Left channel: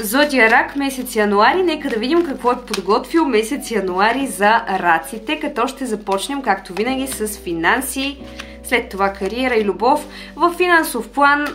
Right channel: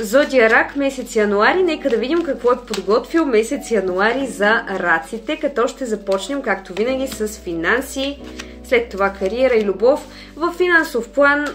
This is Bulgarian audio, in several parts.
Зодия Рак, месец януари. Нека да видим какво е подготвил месец януари за раците, като ще започнем, както винаги, с финанси, след това кариера и любов. В финансов план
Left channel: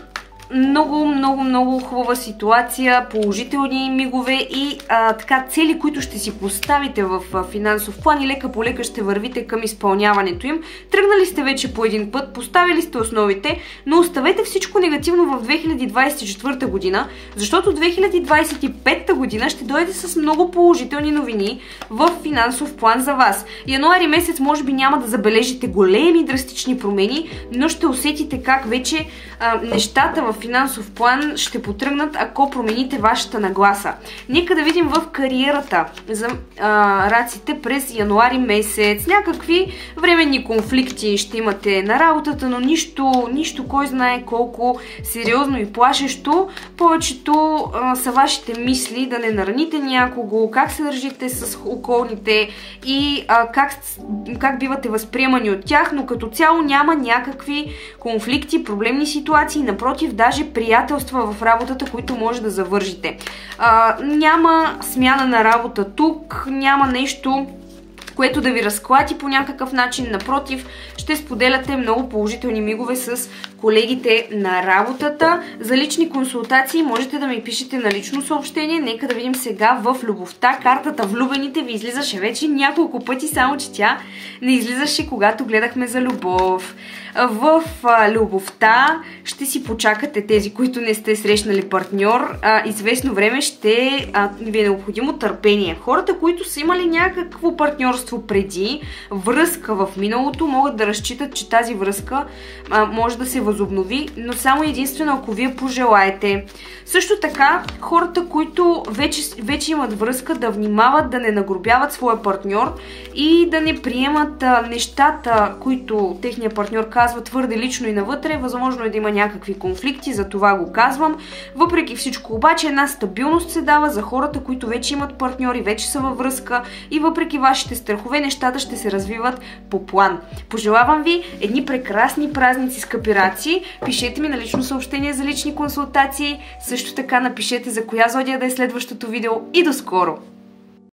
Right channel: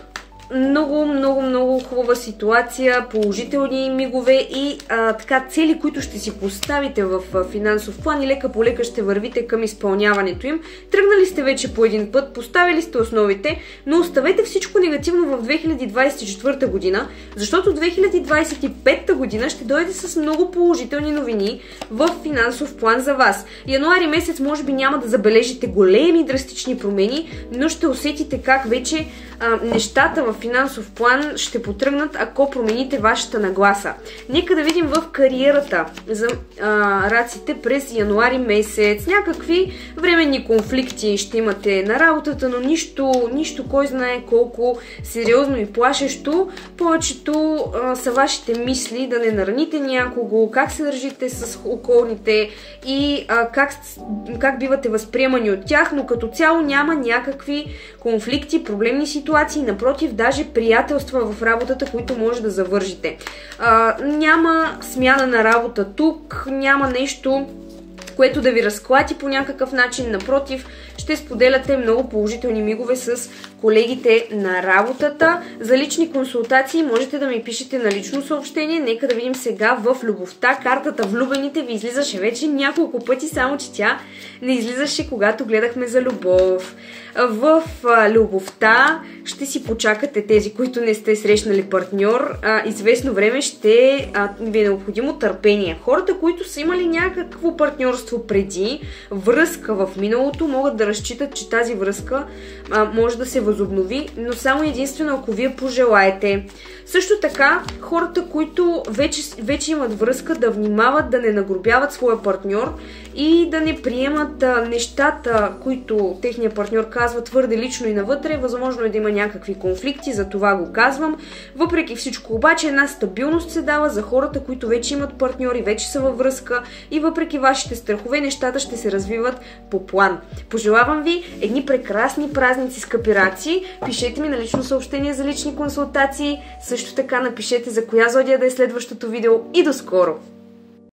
много хубава ситуация, положителни мигове и така цели, които ще си поставите в финансов план и лека по лека ще вървите към изпълняването им. Тръгнали сте вече по един път, поставили сте основите, но оставете всичко негативно в 2024 година, защото 2025 година ще дойде с много положителни новини в финансов план за вас. Януари месец може би няма да забележите големи драстични промени, но ще усетите как вече нещата в финансов план ще потръгнат, ако промените вашата нагласа. Нека да видим в кариерата за раците през януари месец. Някакви временни конфликти ще имате на работата, но нищо кой знае колко сериозно и плашещо. Повечето са вашите мисли да не нараните някого, как се държите с околните и как бивате възприемани от тях, но като цяло няма някакви конфликти, проблемни ситуации, напротив, даже приятелства в работата, които може да завържите. Няма смяна на работа тук, няма нещо, което да ви разклати по някакъв начин. Напротив, ще споделяте много положителни мигове с колегите на работата. За лични консултации можете да ми пишете на лично съобщение. Нека да видим сега в любовта. Картата влюбените ви излизаше вече няколко пъти, само че тя не излизаше, когато гледахме за любов. В любовта ще си почакате тези, които не сте срещнали партньор. Известно време ще ви е необходимо търпение. Хората, които са имали някакво партньорство преди, връзка в миналото, могат да разчитат, че тази връзка може да се възобнови, но само единствено ако вие пожелаете. Също така, хората, които вече имат връзка, да внимават да не нагрубяват своя партньор и да не приемат нещата, които техният партньор казва твърде лично и навътре. Възможно е да има някакви конфликти, за това го казвам. Въпреки всичко обаче една стабилност се дава за хората, които вече имат партньори, вече са във връзка и въпреки вашите страхове, нещата ще се развиват по план. Пожелавам ви едни прекрасни празници, скъпи раци. Пишете ми на лично съобщение за лични консултации. Също така напишете за коя зодия да е следващото видео и до скоро!